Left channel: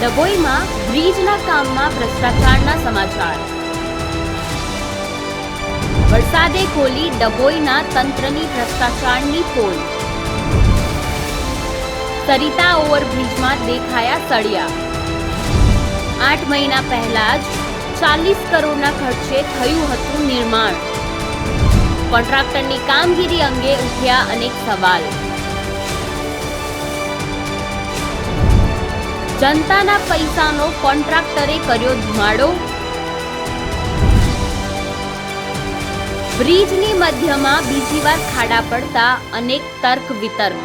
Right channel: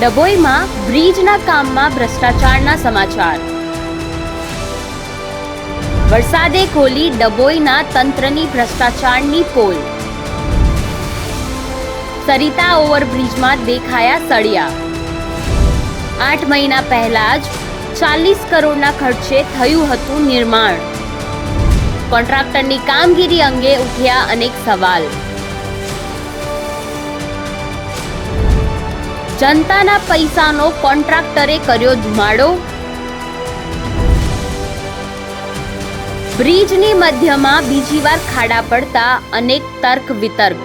ડભોઈમાં બ્રિજના કામમાં ભ્રષ્ટાચારના સમાચાર. વરસાદે ખોલી ડભોઈના તંત્રની ભ્રષ્ટાચારની પોલ. સરિતા ઓવરબ્રિજમાં દેખાયા સળિયા. આઠ મહિના પહેલા જ ચાલીસ કરોડના ખર્ચે થયું હતું નિર્માણ. કોન્ટ્રાક્ટરની કામગીરી અંગે ઉઠ્યા અનેક સવાલ. જનતાના પૈસાનો કોન્ટ્રાક્ટરે કર્યો ધુમાડો? બ્રિજની મધ્યમાં બીજી વાર ખાડા પડતા અનેક તર્ક વિતર્ક.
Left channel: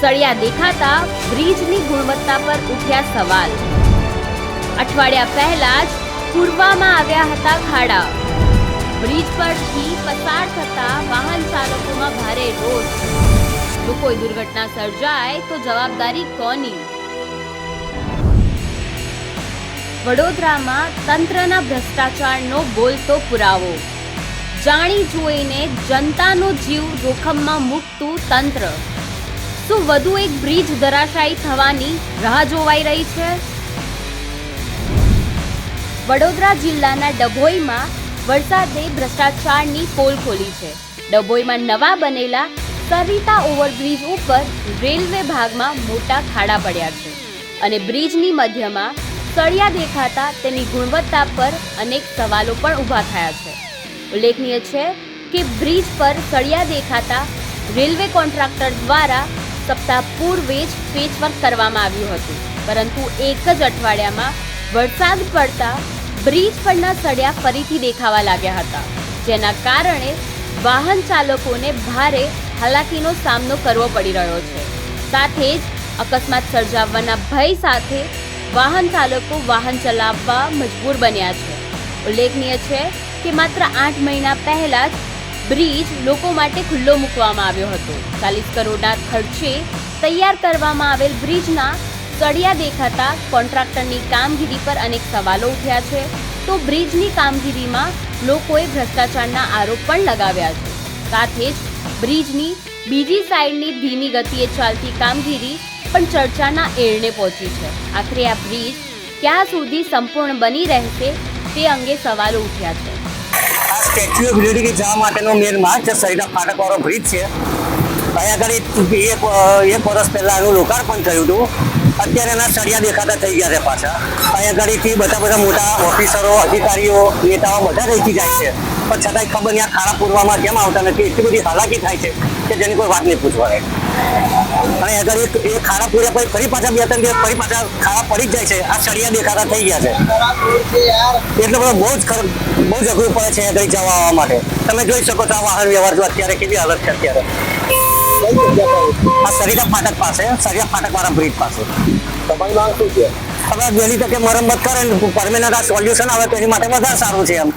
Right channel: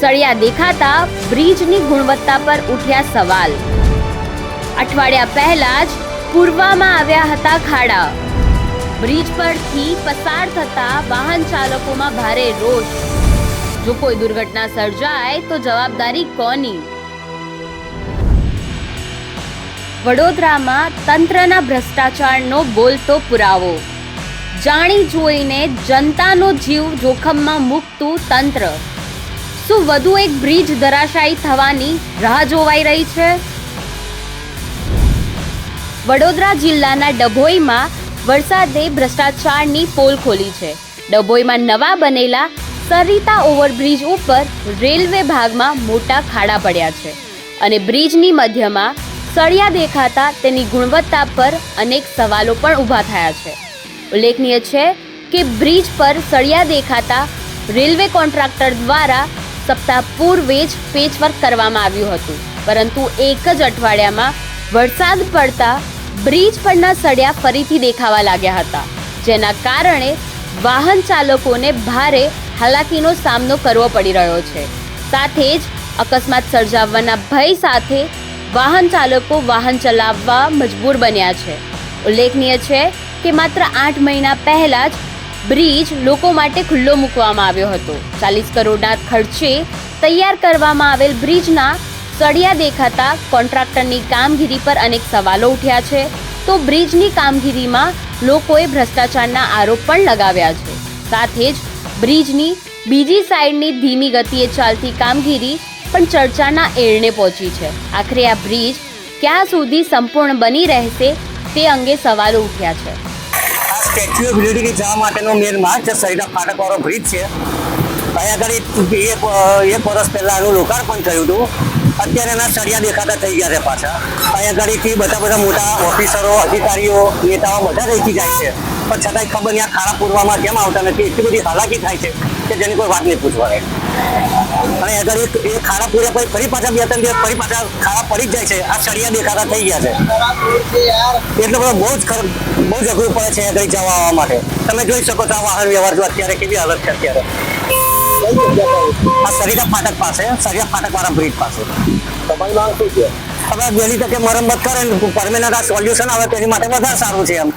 સળિયા દેખાતા બ્રિજની ગુણવત્તા પર ઉઠ્યા સવાલ. અઠવાડિયા પહેલા જ પૂરવામાં આવ્યા હતા ખાડા. બ્રિજ પરથી પસાર થતા વાહન ચાલકોમાં ભારે રોષ. જો કોઈ દુર્ઘટના સર્જાય તો જવાબદારી કોની? વડોદરામાં તંત્રના ભ્રષ્ટાચારનો બોલતો પુરાવો. જાણી જોઈને જનતાનો જીવ જોખમમાં મૂકતું તંત્ર. શું વધુ એક બ્રિજ ધરાશાયી થવાની રાહ જોવાઈ રહી છે? વડોદરા જિલ્લાના ડભોઈમાં વરસાદે ભ્રષ્ટાચારની પોલ ખોલી છે. ડભોઈમાં નવા બનેલા સરિતા ઓવરબ્રિજ ઉપર રેલવે ભાગમાં મોટા ખાડા પડ્યા છે અને બ્રિજની મધ્યમાં સળિયા દેખાતા તેની ગુણવત્તા પર અનેક સવાલો પણ ઊભા થયા છે. ઉલ્લેખનીય છે કે બ્રિજ પર સળિયા દેખાતા રેલવે કોન્ટ્રાક્ટર દ્વારા સપ્તાહ પૂર્વે જ પેચવર્ક કરવામાં આવ્યું હતું. પરંતુ એક જ અઠવાડિયામાં વરસાદ પડતા બ્રિજ પરના સળિયા ફરીથી દેખાવા લાગ્યા હતા, જેના કારણે વાહન ચાલકોને ભારે હાલાકીનો સામનો કરવો પડી રહ્યો છે. સાથે જ અકસ્માત સર્જાવવાના ભય સાથે વાહન ચાલકો વાહન ચલાવવા મજબૂર બન્યા છે. ઉલ્લેખનીય છે કે માત્ર આઠ મહિના પહેલા જ બ્રિજ લોકો માટે ખુલ્લો મૂકવામાં આવ્યો હતો. ચાલીસ કરોડના ખર્ચે તૈયાર કરવામાં આવેલ બ્રિજના સળિયા દેખાતા કોન્ટ્રાક્ટરની કામગીરી પર અનેક સવાલો ઉઠ્યા છે. તો બ્રિજની કામગીરીમાં લોકોએ ભ્રષ્ટાચારના આરોપ પણ લગાવ્યા છે. સાથે જ બ્રિજની બીજી સાઈડની ધીમી ગતિએ ચાલતી કામગીરી પણ ચર્ચાના એરણે પહોંચી છે. આખરે આ બ્રિજ ક્યાં સુધી સંપૂર્ણ બની રહેશે તે અંગે સવાલો ઉઠ્યા છે. આ સ્ટેચ્યુ ઓફ યુનિટી જવા માટેનો મેન માર્ગ છે સરિતા ફાટકવાળો બ્રિજ છે. અહીંયા આગળ એક એક વર્ષ પહેલાં એનું લોકાર્પણ થયું હતું. અત્યારે એના સળિયા દેખાતા થઈ ગયા છે પાછા. અહીંયા આગળથી બધા બધા મોટા ઓફિસરો, અધિકારીઓ, નેતાઓ બધા રહેતી જાય છે. પણ છતાંય ખબર નહીં આ ખાડા પૂરવામાં કેમ આવતા નથી, એટલી બધી હાલાકી થાય છે. કે જેની કોઈ વાત નહીં પૂછવા અને અગર એક એ ખાડા પૂર્યા પછી ફરી પાછા બે ત્રણ દિવસ ફરી પાછા ખાડા પડી જ જાય છે. આ સળિયા દેખાતા થઈ ગયા છે. એટલે બધો બહુ જ બહુ જ અઘરું પડે છે આગળ જવા આવવા માટે. તમે જોઈ શકો છો આ વાહન વ્યવહાર જો અત્યારે કેવી હાલત છે અત્યારે. આ સરિતા ફાટક પાસે સરિયા ફાટક વાળા બ્રિજ પાસે. તમારી માંગ શું છે? હવે વહેલી તકે મરમ્મત કરે ને પરમેનન્ટ આ સોલ્યુશન આવે તો એની માટે વધારે સારું છે એમ.